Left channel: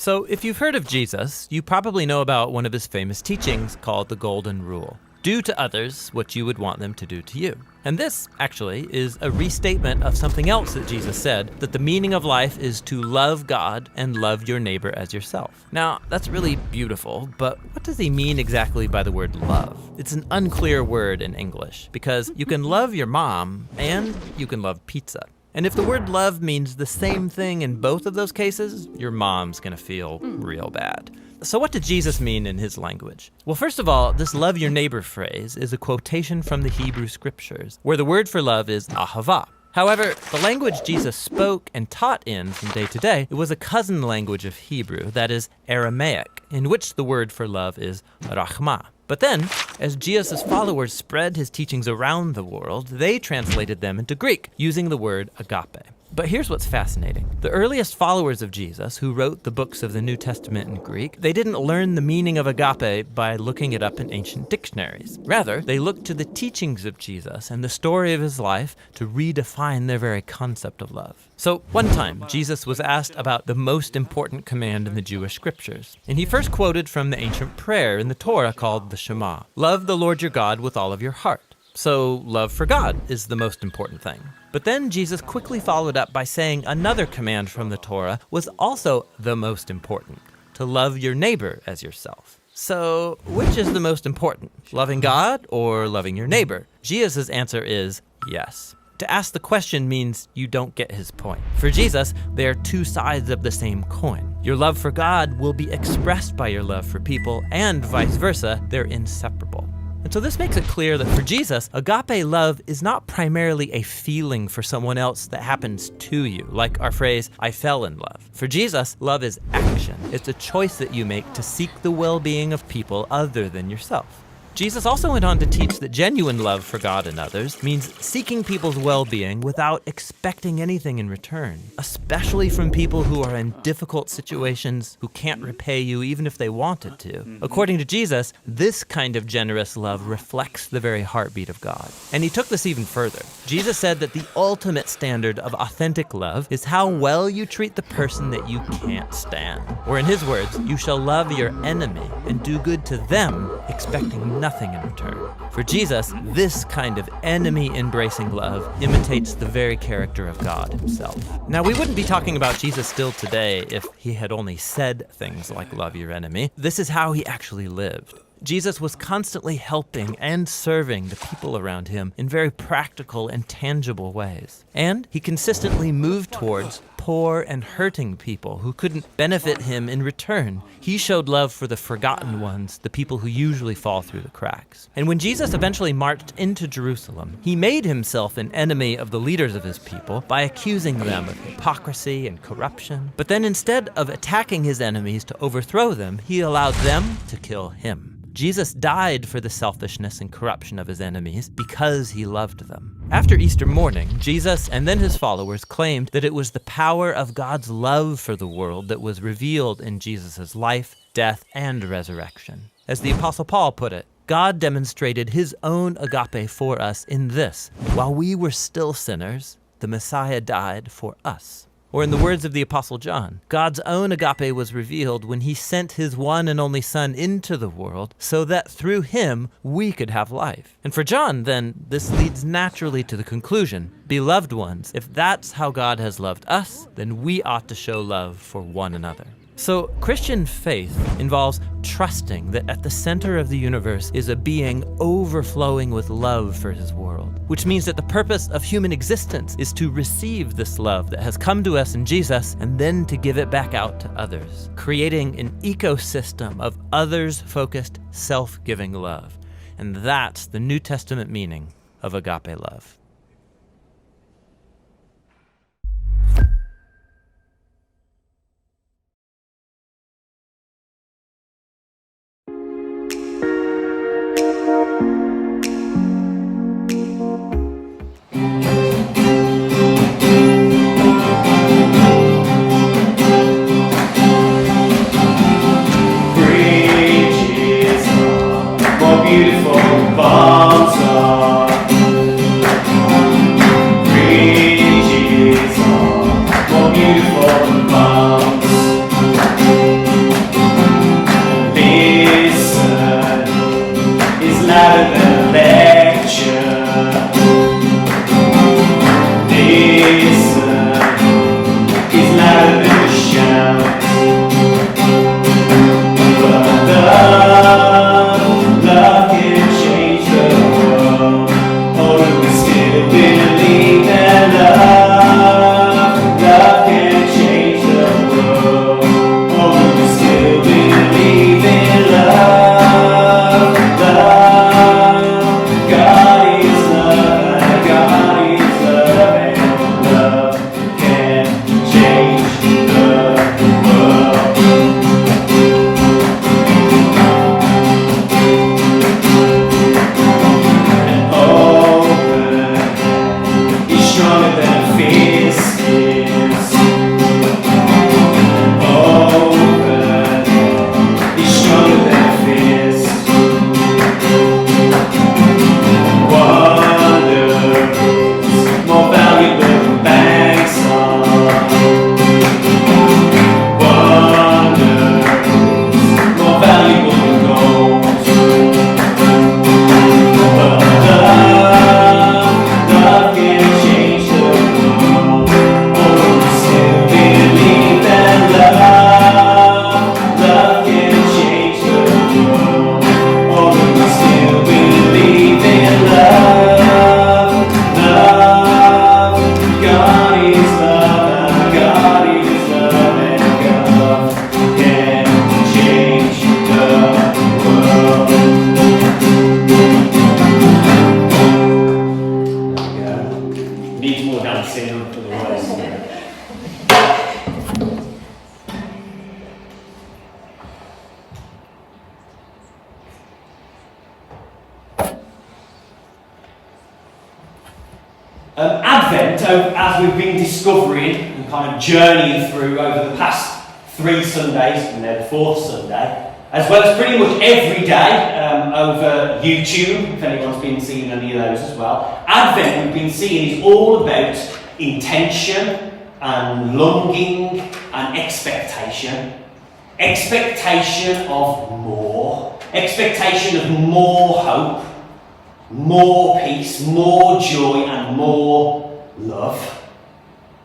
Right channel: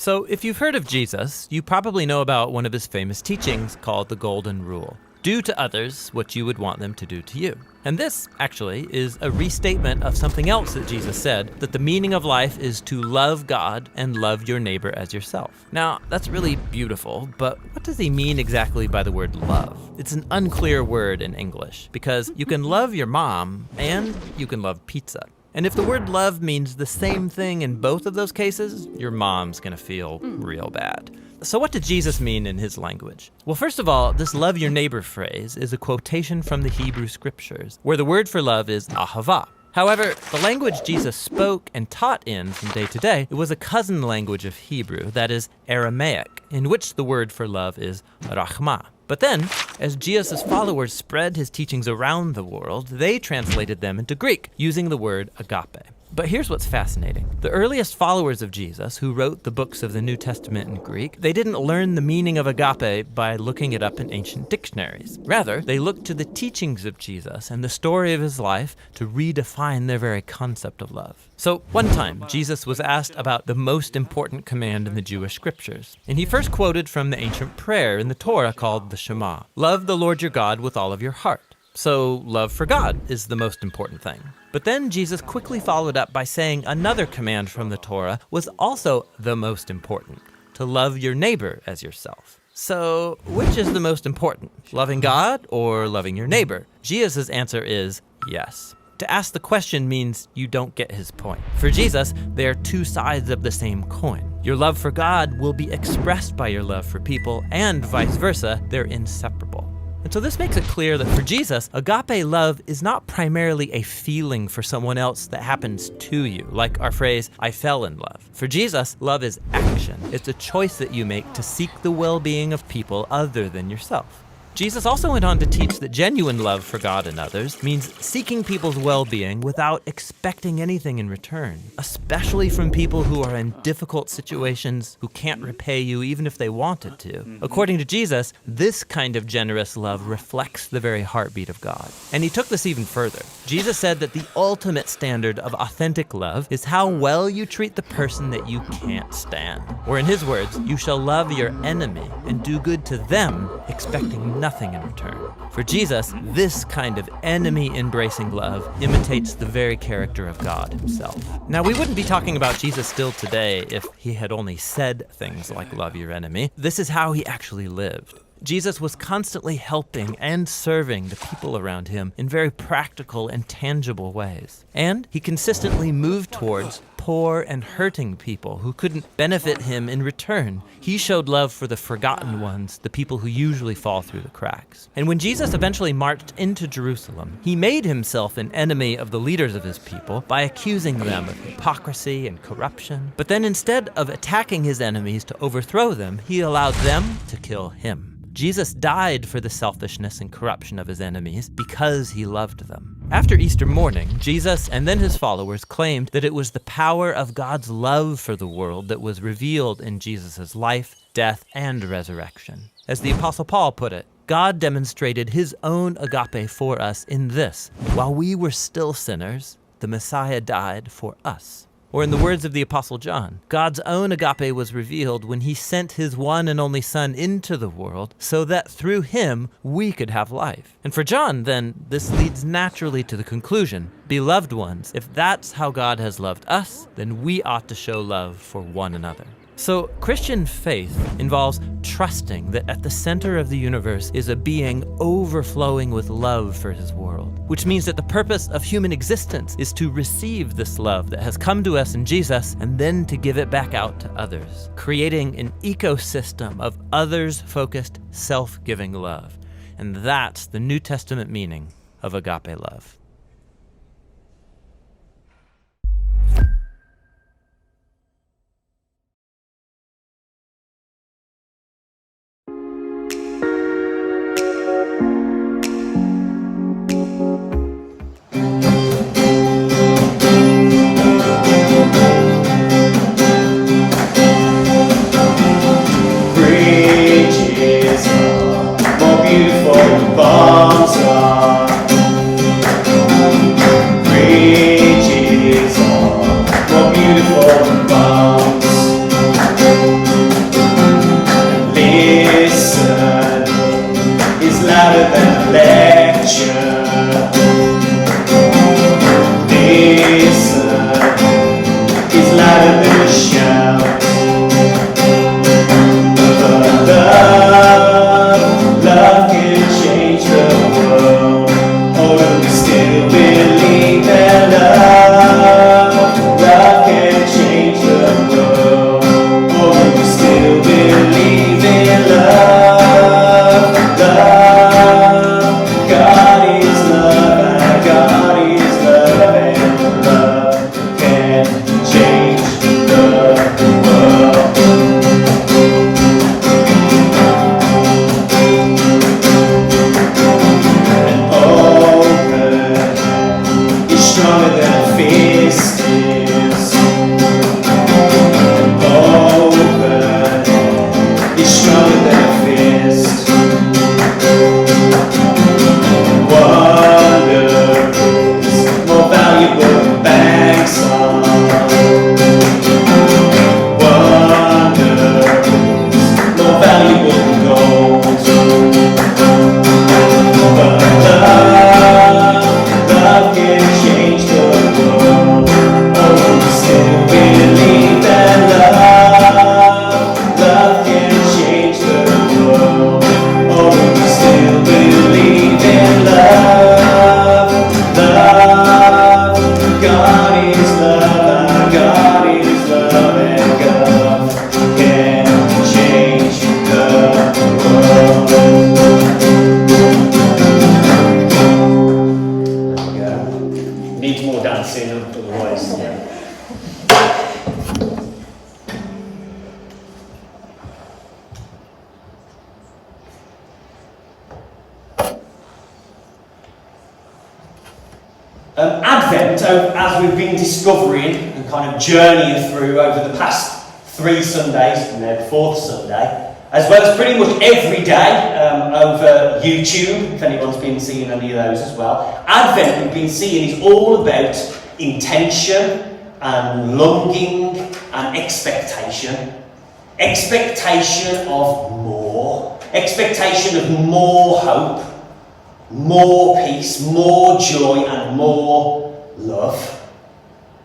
So if you've heard of Jesus, you probably know about one of his famous teachings called the Golden Rule. Do to others what you would want them to do to you. And this, actually, is a restatement of something else that Jesus said, that the meaning of life is to love God and love your neighbor as yourself. Now, that's really beautiful, but what does he mean exactly by the word love? It's an unclear word in English, because you can love your mom and you can love pizza. And if the word love means the same thing in both of those cases, your mom's gonna feel real bad. So what did Jesus mean in his language? Well, first of all, this love your neighbor phrase is a quotation from the Hebrew scriptures, where the word for love is ahava. However, the language Jesus spoke and taught in from day to day, it was a cousin language of Hebrew, that is Aramaic, in which the word for love is rachma. But then, as Jesus' followers spread his teachings around the world, they translated them into Greek, using the word agape. But here's what's fascinating. The earliest followers of Jesus, who wrote the books of the New Testament in Greek, they didn't learn the meaning of agape by looking it up in ancient dictionaries. Rather, they looked to the teachings of Jesus and the story of his life to redefine their very concept of love. So one time, Jesus was asked about the most important command in the Jewish scriptures. And he first quoted from the ancient prayer in the Torah called the Shema. Love the Lord your God with all of your heart. So love for God is the most important thing. But then Jesus quickly followed up by saying another command from the Torah was also the most important, to love your neighbor as yourself. So which is the most important, loving God or loving your neighbor? Jesus' answer is yes. To ask the question means you don't get his point. For Jesus, they are two sides of the same coin. Your love for God will be expressed by your love for people, and vice versa, they're inseparable. And so this makes it clear that for Jesus, agape love is not primarily a feeling for someone else that happens to you, like our phrase, I fell in love. For Jesus, love is action. It's a choice that you make to seek the well-being of people other than yourself. Jesus also went on to teach that genuine love for God and others means seeking people's well-being without expecting anything in return, especially from people who are in difficult situations, who can't repay you even if they wanted to. According to Jesus, this kind of generous love reflects the very heartbeat of God. And he took this even further. Jesus said that the ultimate standard of authentic love is how well you treat the person that you can't stand. Or in his words, you shall love your enemy and do good to them, expecting nothing in return. For Jesus, this kind of enemy-embracing love imitates the very character of God himself. Now, we wouldn't be talking about Jesus still today if he had only said things like love your enemy. This is how he actually lived. Jesus was constantly helping and serving the people around him in very practical and tangible ways. And he consistently moved towards poor and hurting people who couldn't benefit him in return. He showed love for the forgotten ones, the people who usually fall through the cracks. And when Jesus eventually marched into Jerusalem, he made himself an enemy of the leaders of his people by accusing them of hypocrisy and corruption. But then instead of attacking his enemies to overthrow them, he allowed them to kill him. Jesus died for the selfishness and corruption of his enemies because he loved them. After Easter morning, Jesus and then his followers claimed that it was the power of God's love for the world that was revealed in Jesus' life, death, and resurrection. As the Apostle Paul put it, God demonstrated his own agape for us in this: while we were still sinners, the Messiah died for us. Or in the words of the Apostle John, God's own agape was revealed when he sent his one and only Son into the world so that through him we could have life. And for John, then, this leads naturally to the conclusion, beloved ones, if that's how God has loved us, then we ought to show love for one another. So Christian faith involves trusting that at the center of the universe is a being overflowing with love for his world, which means that the purpose of human existence is to receive this love that has come to us in Jesus and then to give it back out to others, creating an ecosystem of others-focused, self-giving love. And that's the New Testament meaning of agape love. Beautiful bombs are believe in love? Love can change the world. Or do you still believe in love? Love. God is love, and God is love, and love can change the world. And open is stronger than a fist is. And open is stronger than a fist. Wonder is more valuable than banks are. Wonder is more valuable than gold. But love can change the world. Oh, we still believe that love can change the world. Oh, we still believe in love. God is love, our God is love, and love can change the world. There we go. Need more dancing, otherwise. Advent, as we've been discovering and kind of journeying through over the past 3 Sundays, and now the 4th Sunday, as well as pretty much every day over YouTube, if anyone's been seeing any of those as well. Advent, we've been seeing, is all about intention and longing and expectation. Expectation of more. Expectation of more hope, more peace, more joy, and more love.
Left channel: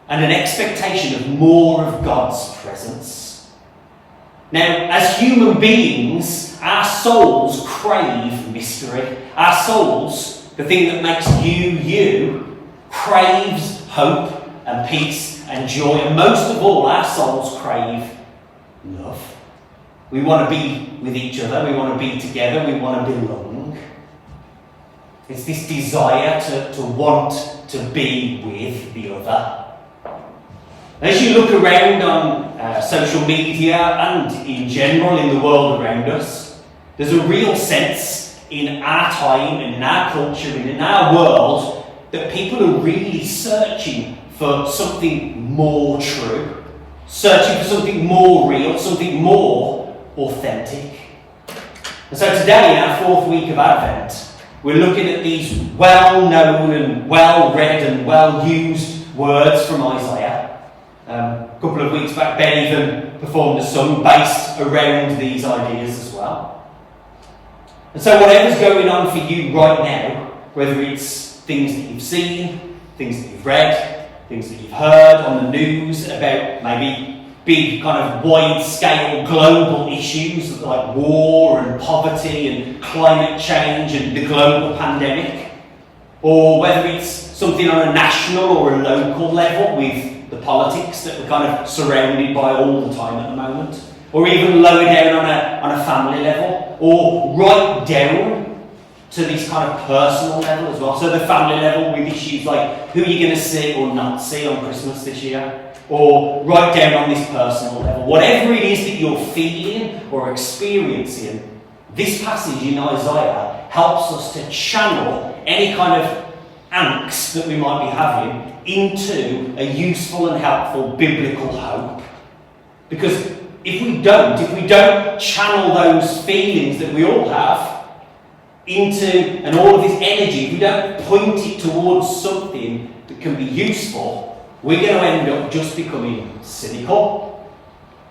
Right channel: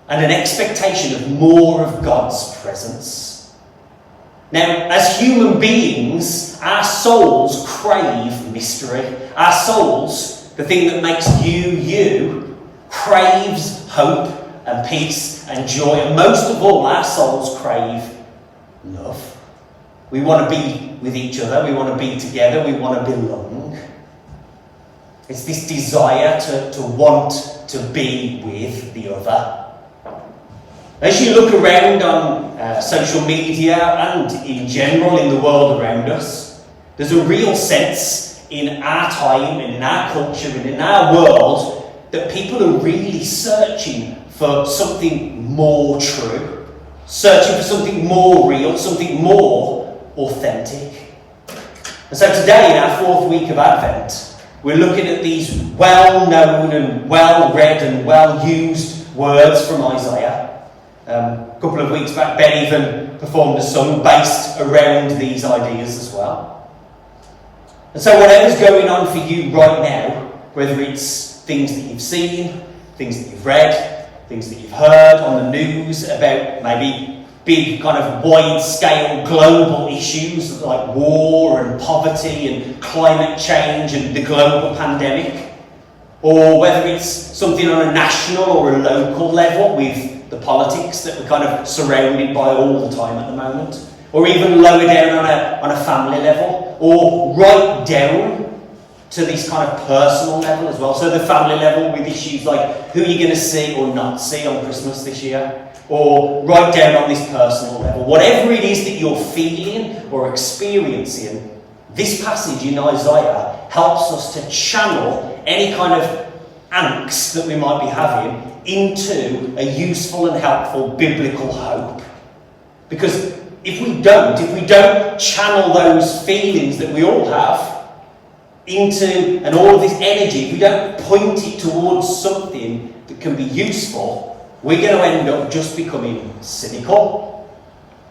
And an expectation of more of God's presence. Now, as human beings, our souls crave mystery. Our souls, the thing that makes you, craves hope and peace and joy. And most of all, our souls crave love. We want to be with each other. We want to be together. We want to belong. It's this desire to want to be with the other. As you look around on social media and in general in the world around us, there's a real sense in our time and in our culture and in our world that people are really searching for something more true, searching for something more real, something more authentic. And so today, in our 4th week of Advent, we're looking at these well-known and well-read and well-used words from Isaiah. A couple of weeks back, Ben even performed a song based around these ideas as well. And so whatever's going on for you right now, whether it's things that you've seen, things that you've read, things that you've heard on the news about maybe big kind of wide-scale global issues like war and poverty and climate change and the global pandemic, or whether it's something on a national or a local level with the politics that we're kind of surrounded by all the time at the moment, or even lower down on a family level, or right down to this kind of personal level as well. So the family level with issues like who you're going to see or not see on Christmas this year, or right down on this personal level. Whatever it is that you're feeling or experiencing, this passage in Isaiah helps us to channel any kind of angst that we might be having into a useful and helpful biblical hope. Because if we don't channel those feelings that we all have into, and all of this energy, if we don't point it towards something that can be useful, we're going to end up just becoming cynical,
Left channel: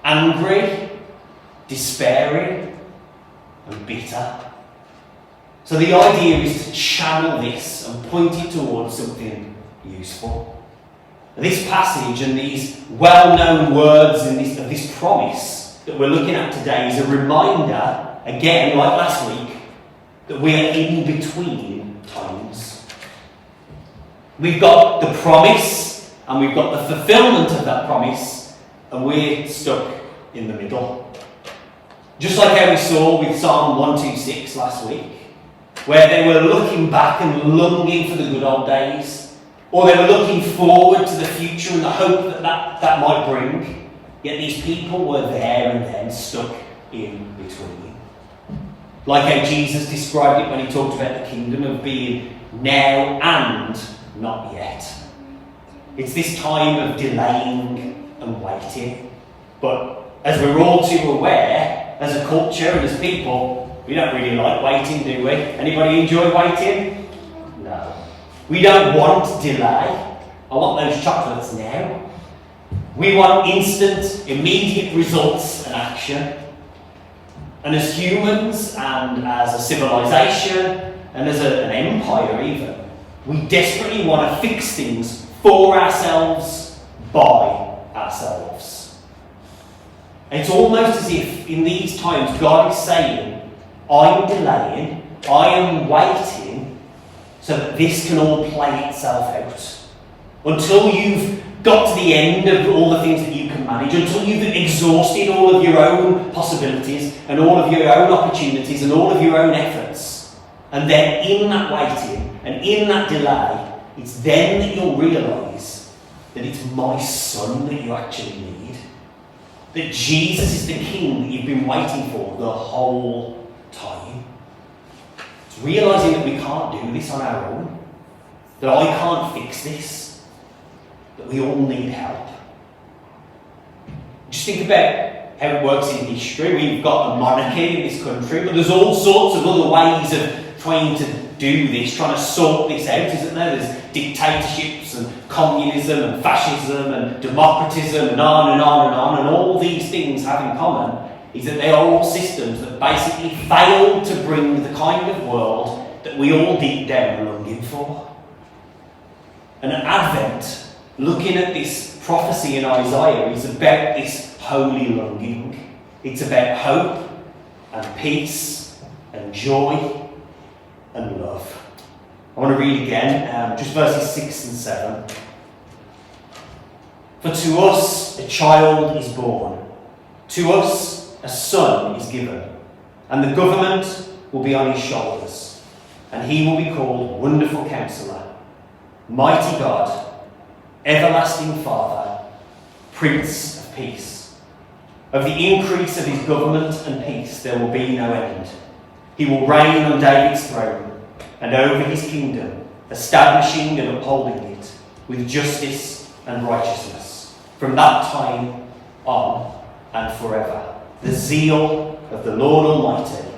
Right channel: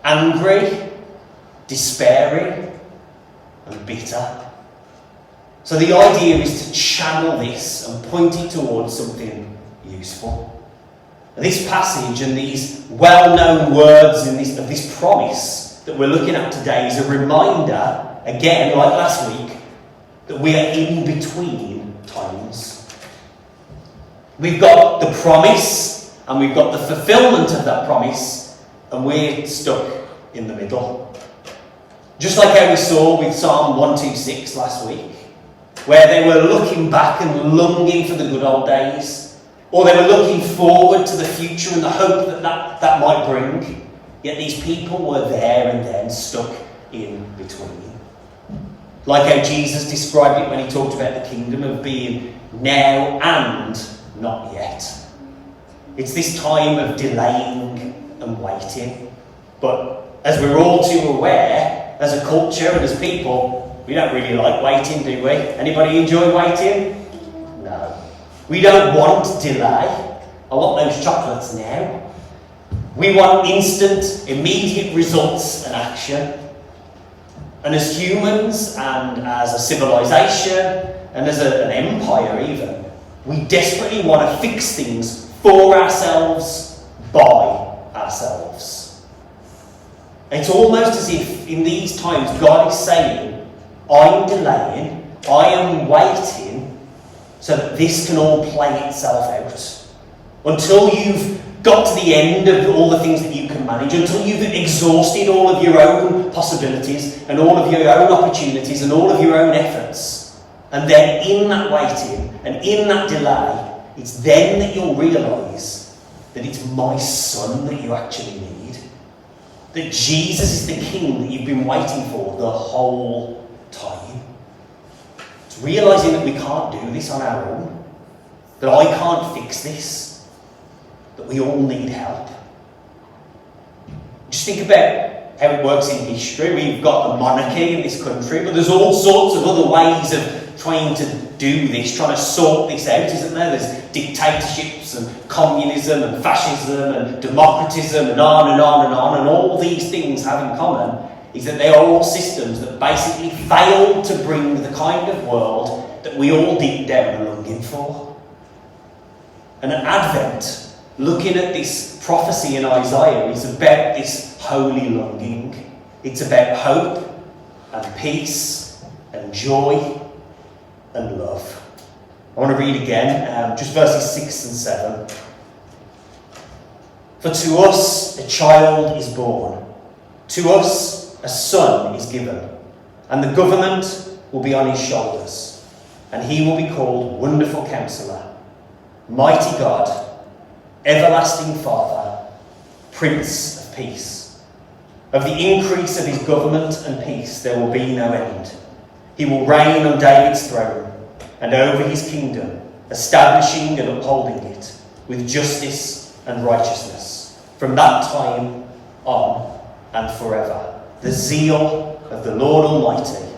angry, despairing, and bitter. So the idea is to channel this and point it towards something useful. This passage and these well-known words and this promise that we're looking at today is a reminder, again, like last week, that we are in between times. We've got the promise, and we've got the fulfillment of that promise, and we're stuck in the middle. Just like how we saw with Psalm 126 last week, where they were looking back and longing for the good old days, or they were looking forward to the future and the hope that might bring. Yet these people were there and then stuck in between. Like how Jesus described it when he talked about the kingdom of being now and not yet. It's this time of delaying and waiting. But as we're all too aware, as a culture and as people, we don't really like waiting, do we? Anybody enjoy waiting? No. We don't want delay. I want those chocolates now. We want instant, immediate results and action. And as humans and as a civilization and as an empire even, we desperately want to fix things for ourselves, by ourselves. It's almost as if in these times God is saying, I'm delaying, I am waiting so that this can all play itself out. Until you've got to the end of all the things that you can manage, until you've exhausted all of your own possibilities and all of your own opportunities and all of your own efforts. And then in that waiting and in that delay, it's then that you'll realise that it's my son that you actually need. That Jesus is the king that you've been waiting for the whole time. It's realising that we can't do this on our own. That I can't fix this. That we all need help. Just think about how it works in history. We've got a monarchy in this country, but there's all sorts of other ways of trying to do this, trying to sort this out, isn't there? There's dictatorships and communism and fascism and democratism and on and on and on, and all these things have in common is that they are all systems that basically failed to bring the kind of world that we all deep down are longing for. And at Advent, looking at this prophecy in Isaiah is about this holy longing. It's about hope and peace and joy and love. I want to read again, just verses 6 and 7. For to us a child is born, to us a son is given, and the government will be on his shoulders, and he will be called Wonderful Counselor, Mighty God, Everlasting Father, Prince of Peace. Of the increase of his government and peace there will be no end. He will reign on David's throne and over his kingdom, establishing and upholding it with justice and righteousness from that time on and forever. The zeal of the Lord Almighty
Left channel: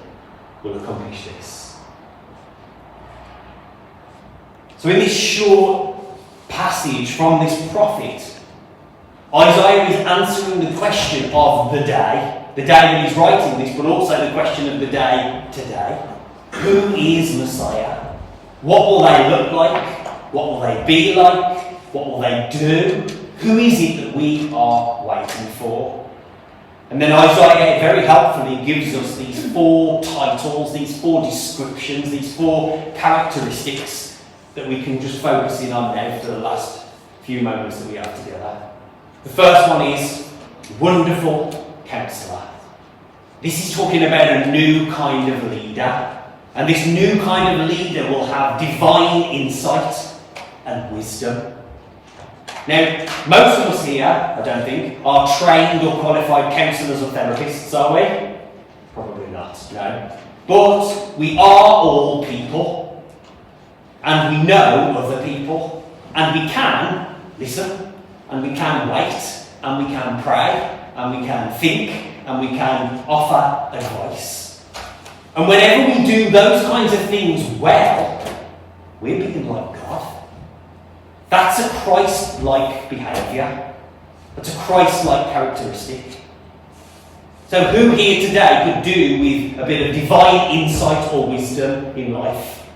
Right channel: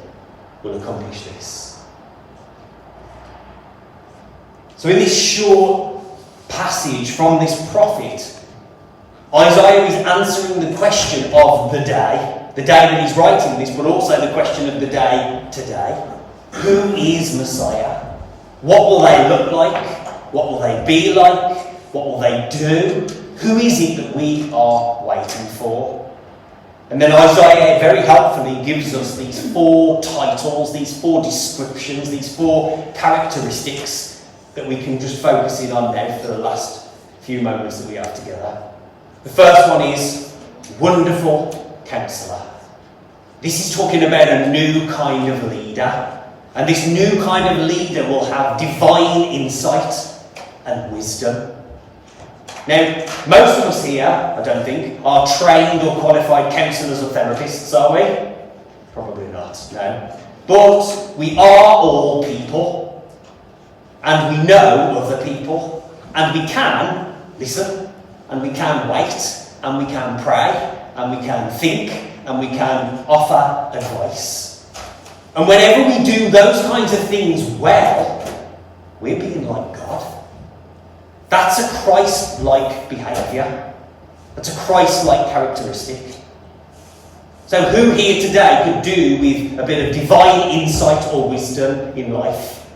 will accomplish this. So in this short passage from this prophet, Isaiah is answering the question of the day that he's writing this, but also the question of the day today. Who is Messiah? What will they look like? What will they be like? What will they do? Who is it that we are waiting for? And then Isaiah very helpfully gives us these 4 titles, these 4 descriptions, these 4 characteristics that we can just focus in on now for the last few moments that we have together. The first one is Wonderful Counselor. This is talking about a new kind of leader. And this new kind of leader will have divine insight and wisdom. Now, most of us here, I don't think, are trained or qualified counsellors or therapists, are we? Probably not, no. But we are all people. And we know other people. And we can listen. And we can wait. And we can pray. And we can think. And we can offer advice. And whenever we do those kinds of things well, we're being like God. That's a Christ-like behaviour. That's a Christ-like characteristic. So who here today could do with a bit of divine insight or wisdom in life?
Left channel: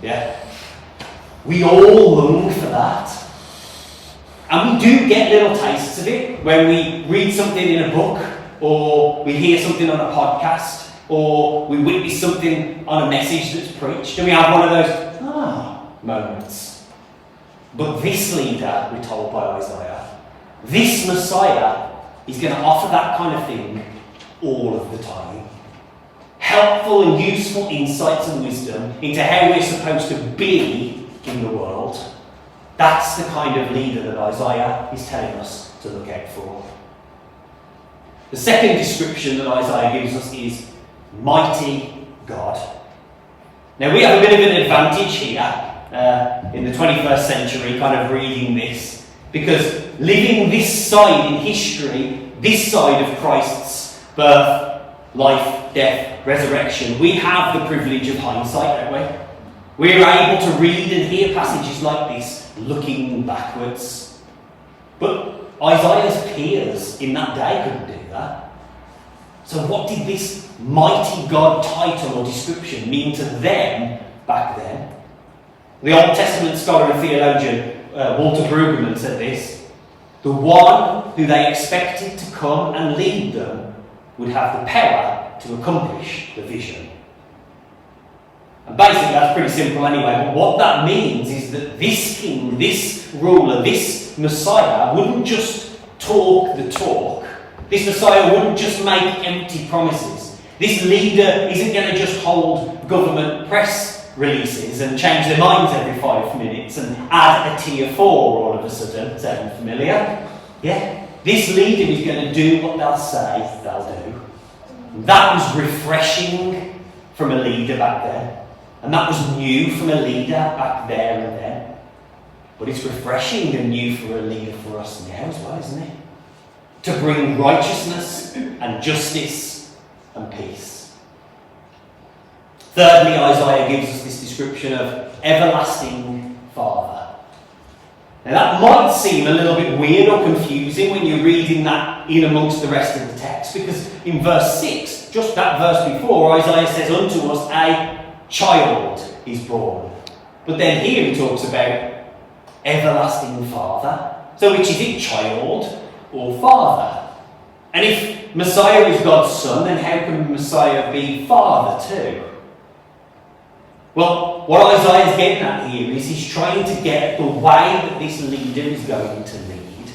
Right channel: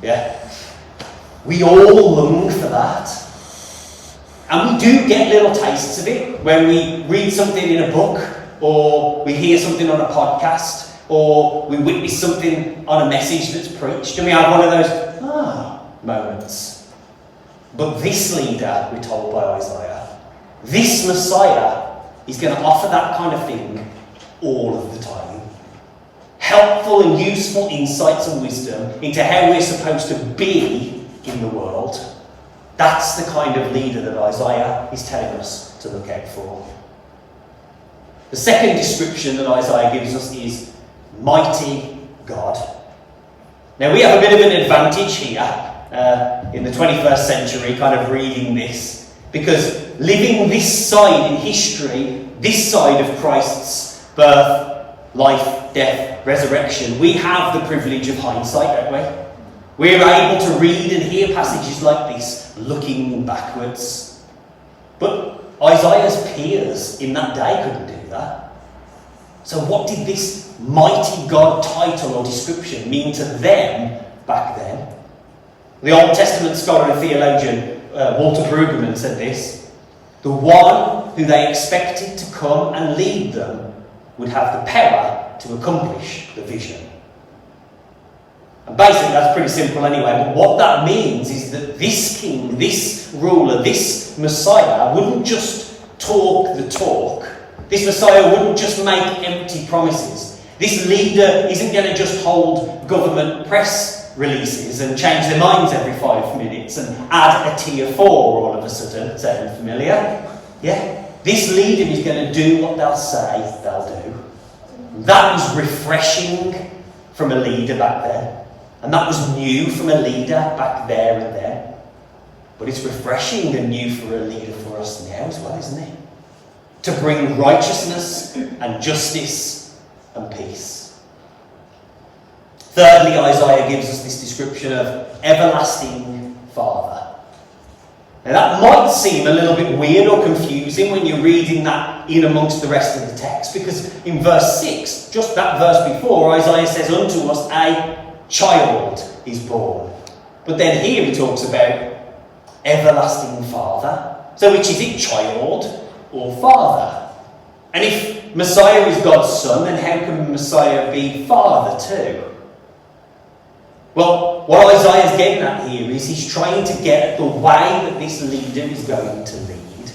Yeah? We all long for that. And we do get little tastes of it when we read something in a book, or we hear something on a podcast, or we witness something on a message that's preached, and we have one of those moments. But this leader, we're told by Isaiah, this Messiah is going to offer that kind of thing all of the time. Helpful and useful insights and wisdom into how we're supposed to be in the world. That's the kind of leader that Isaiah is telling us to look out for. The second description that Isaiah gives us is mighty God. Now we have a bit of an advantage here in the 21st century kind of reading this, because living this side in history, this side of Christ's birth, life, death, resurrection, we have the privilege of hindsight, don't we? We're able to read and hear passages like this looking backwards. But Isaiah's peers in that day couldn't do that. So what did this mighty God title or description mean to them back then? The Old Testament scholar and theologian Walter Brueggemann said this: the one who they expected to come and lead them would have the power to accomplish the vision. And basically that's pretty simple anyway, but what that means is that this king, this ruler, this Messiah wouldn't just talk the talk. This Messiah wouldn't just make empty promises. This leader isn't going to just hold government press releases and change their minds every 5 minutes and add a tier 4 all of a sudden. Sound familiar? Yeah? This leader is going to do what they'll say they'll do. That was refreshing from a leader back then. And that was new from a leader back there and then. But it's refreshing and new for a leader for us now as well, isn't it? To bring righteousness and justice and peace. Thirdly, Isaiah gives us this description of everlasting Father. Now that might seem a little bit weird or confusing when you're reading that in amongst the rest of the text, because in verse 6, just that verse before, Isaiah says, unto us a child is born. But then here he talks about everlasting Father. So which is it, child or father? And if Messiah is God's son, then how can Messiah be father too? Well, what Isaiah is getting at here is he's trying to get at the way that this leader is going to lead.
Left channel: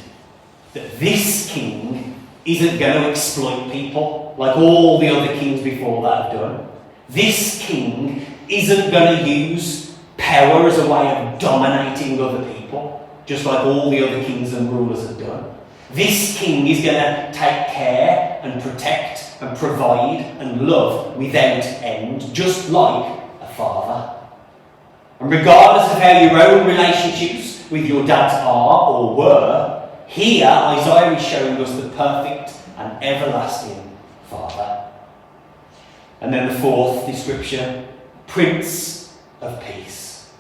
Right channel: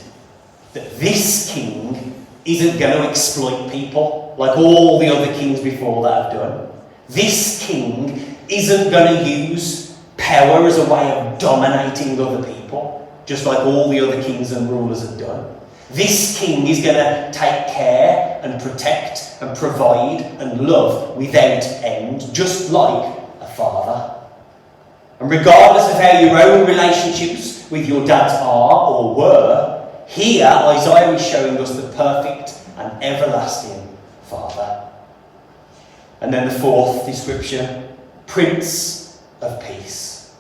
That this king isn't going to exploit people like all the other kings before that have done. This king isn't going to use power as a way of dominating other people, just like all the other kings and rulers have done. This king is going to take care and protect and provide and love without end, just like a father. And regardless of how your own relationships with your dads are or were, here Isaiah is showing us the perfect and everlasting Father. And then the fourth description, Prince of Peace.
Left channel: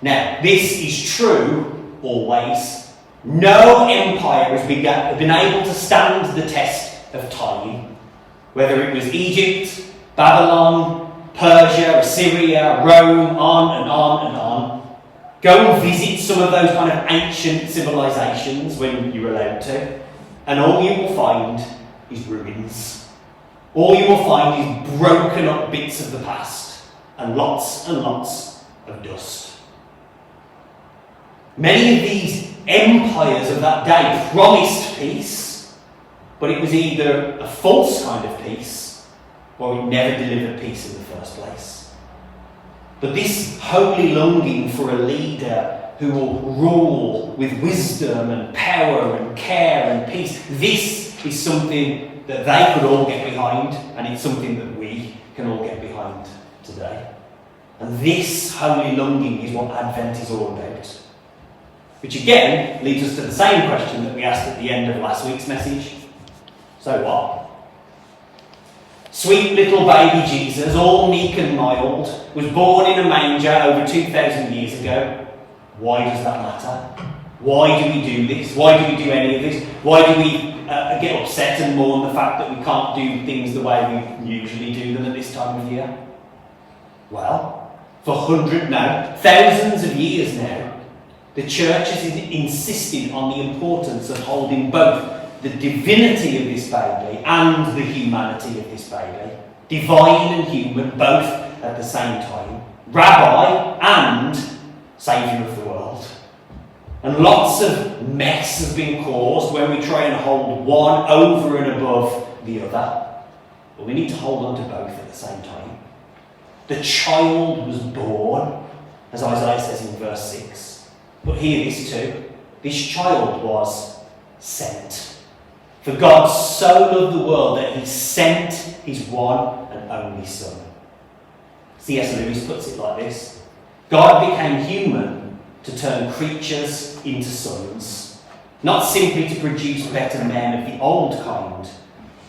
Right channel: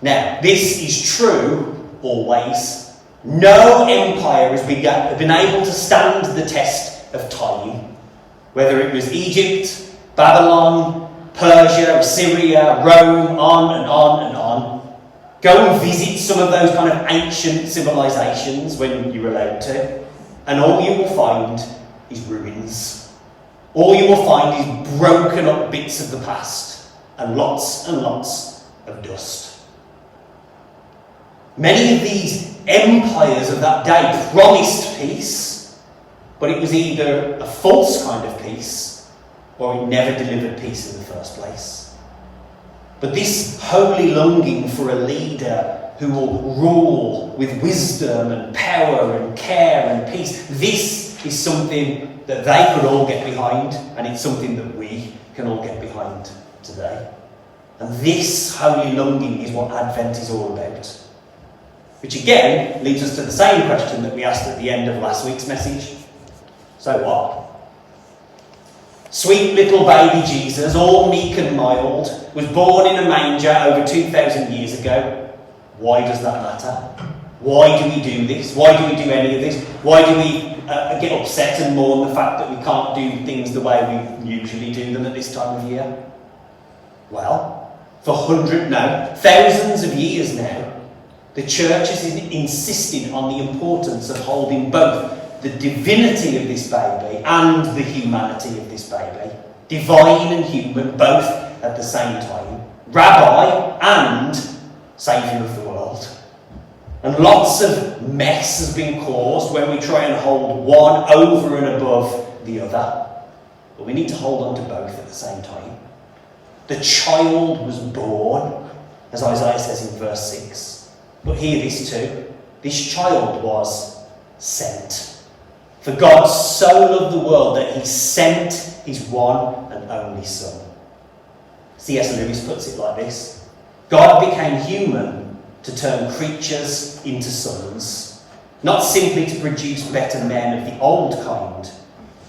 Now, this is true always. No empire has been able to stand the test of time, whether it was Egypt, Babylon, Persia, Assyria, Rome, on and on and on. Go and visit some of those kind of ancient civilizations when you're allowed to, and all you will find is ruins. All you will find is broken up bits of the past and lots of dust. Many of these empires of that day promised peace, but it was either a false kind of peace or it never delivered peace in the first place. But this holy longing for a leader who will rule with wisdom and power and care and peace, this is something that they could all get behind, and it's something that we can all get behind today. And this holy longing is what Advent is all about. Which again leads us to the same question that we asked at the end of last week's message. So what? Sweet little baby Jesus, all meek and mild, was born in a manger over 2,000 years ago. Why does that matter? Why do we do this? Why do we do any of this? Why do we get upset and mourn the fact that we can't do things the way we usually do them at this time of year? Well, for thousands of years now, the church has insisted on the importance of holding both the divinity of this baby and the humanity of this baby, divine and human, both at the same time, rabbi and Saviour of the world. And lots of mess has been caused when we try and hold one over and above the other. But we need to hold on to both at the same time. The child was born, as Isaiah says in verse 6. But hear this too. This child was sent. For God so loved the world that he sent his one and only Son. C.S. Lewis puts it like this. God became human to turn creatures into sons, not simply to produce better men of the old kind,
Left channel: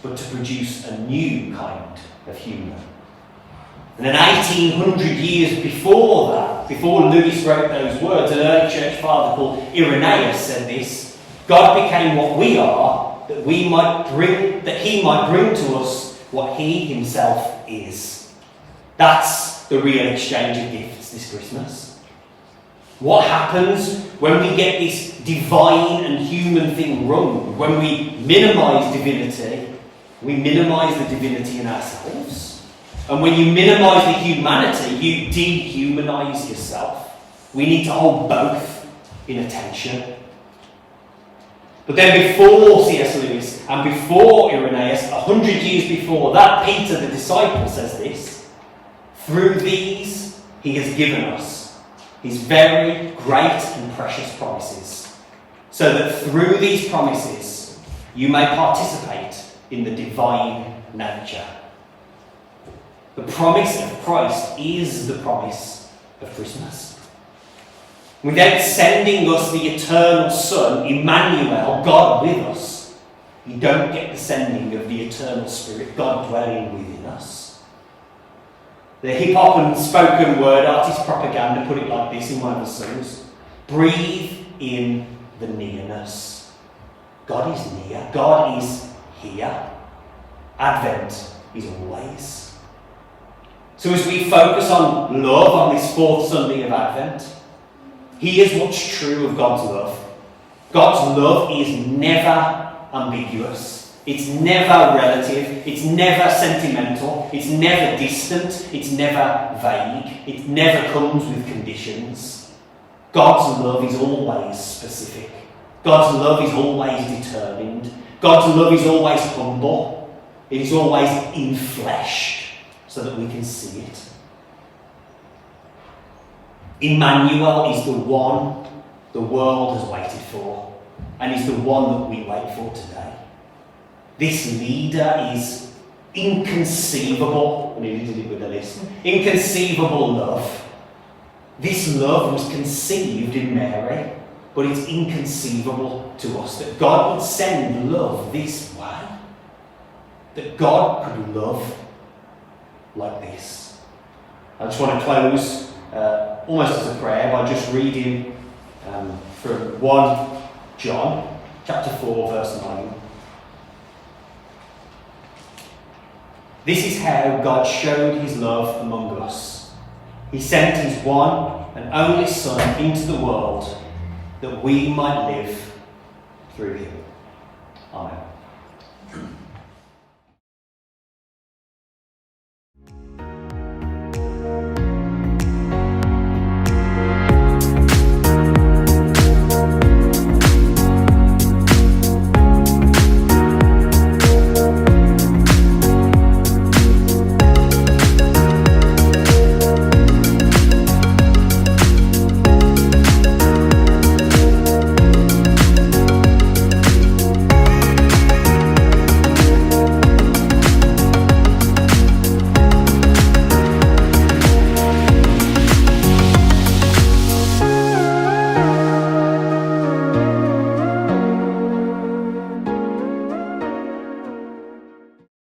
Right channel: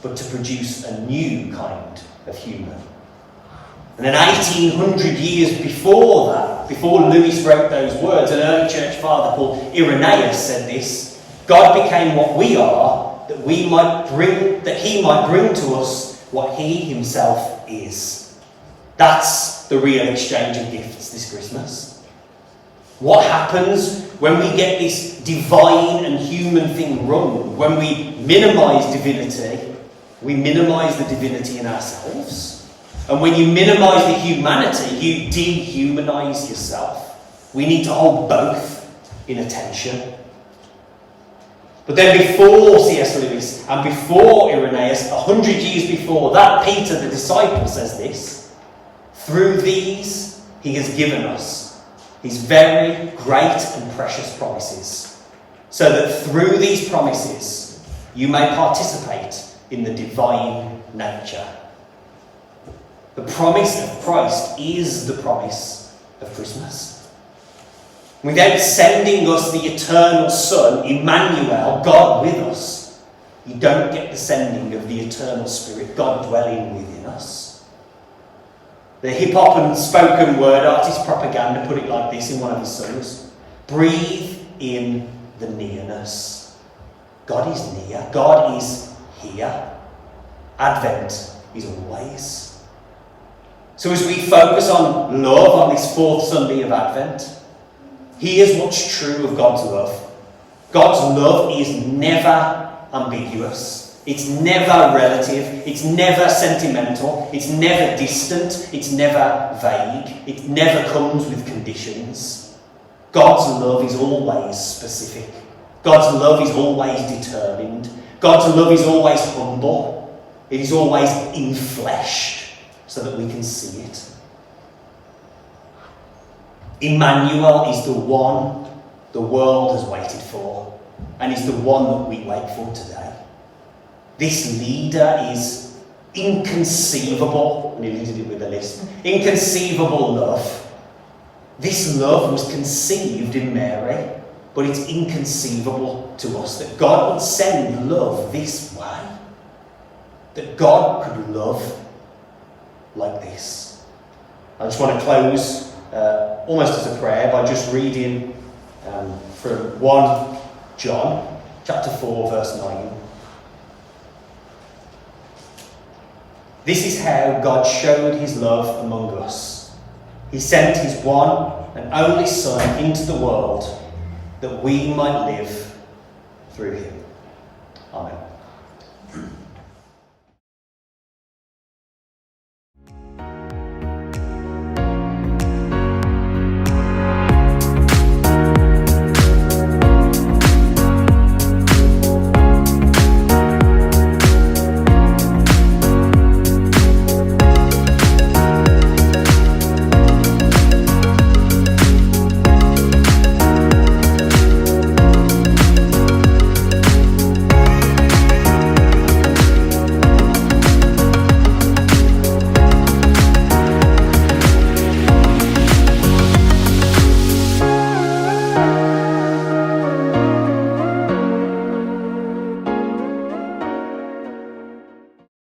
but to produce a new kind of human. And then 1800 years before that, before Lewis wrote those words, an early church father called Irenaeus said this: God became what we are, that he might bring to us what he himself is. That's the real exchange of gifts this Christmas. What happens when we get this divine and human thing wrong? When we minimise divinity, we minimise the divinity in ourselves. And when you minimise the humanity, you dehumanise yourself. We need to hold both in attention. But then before C.S. Lewis and before Irenaeus, 100 years before that, Peter the disciple says this: through these he has given us his very great and precious promises, so that through these promises you may participate in the divine nature. The promise of Christ is the promise of Christmas. Without sending us the eternal Son, Emmanuel, God with us, you don't get the sending of the eternal Spirit, God dwelling within us. The hip-hop and spoken word artist Propaganda put it like this in one of his songs: breathe in the nearness. God is near. God is here. Advent is always. So as we focus on love on this fourth Sunday of Advent, here's what's true of God's love. God's love is never ambiguous. It's never relative. It's never sentimental. It's never distant. It's never vague. It never comes with conditions. God's love is always specific. God's love is always determined. God's love is always humble. It is always in flesh, so that we can see it. Emmanuel is the one the world has waited for, and is the one that we wait for today. This leader is inconceivable, and he did it with a list, inconceivable love. This love was conceived in Mary, but it's inconceivable to us that God would send love this way, that God could love like this. I just want to close almost as a prayer by just reading from 1 John chapter 4 verse 9. This is how God showed his love among us. He sent his one and only Son into the world that we might live through him. Amen.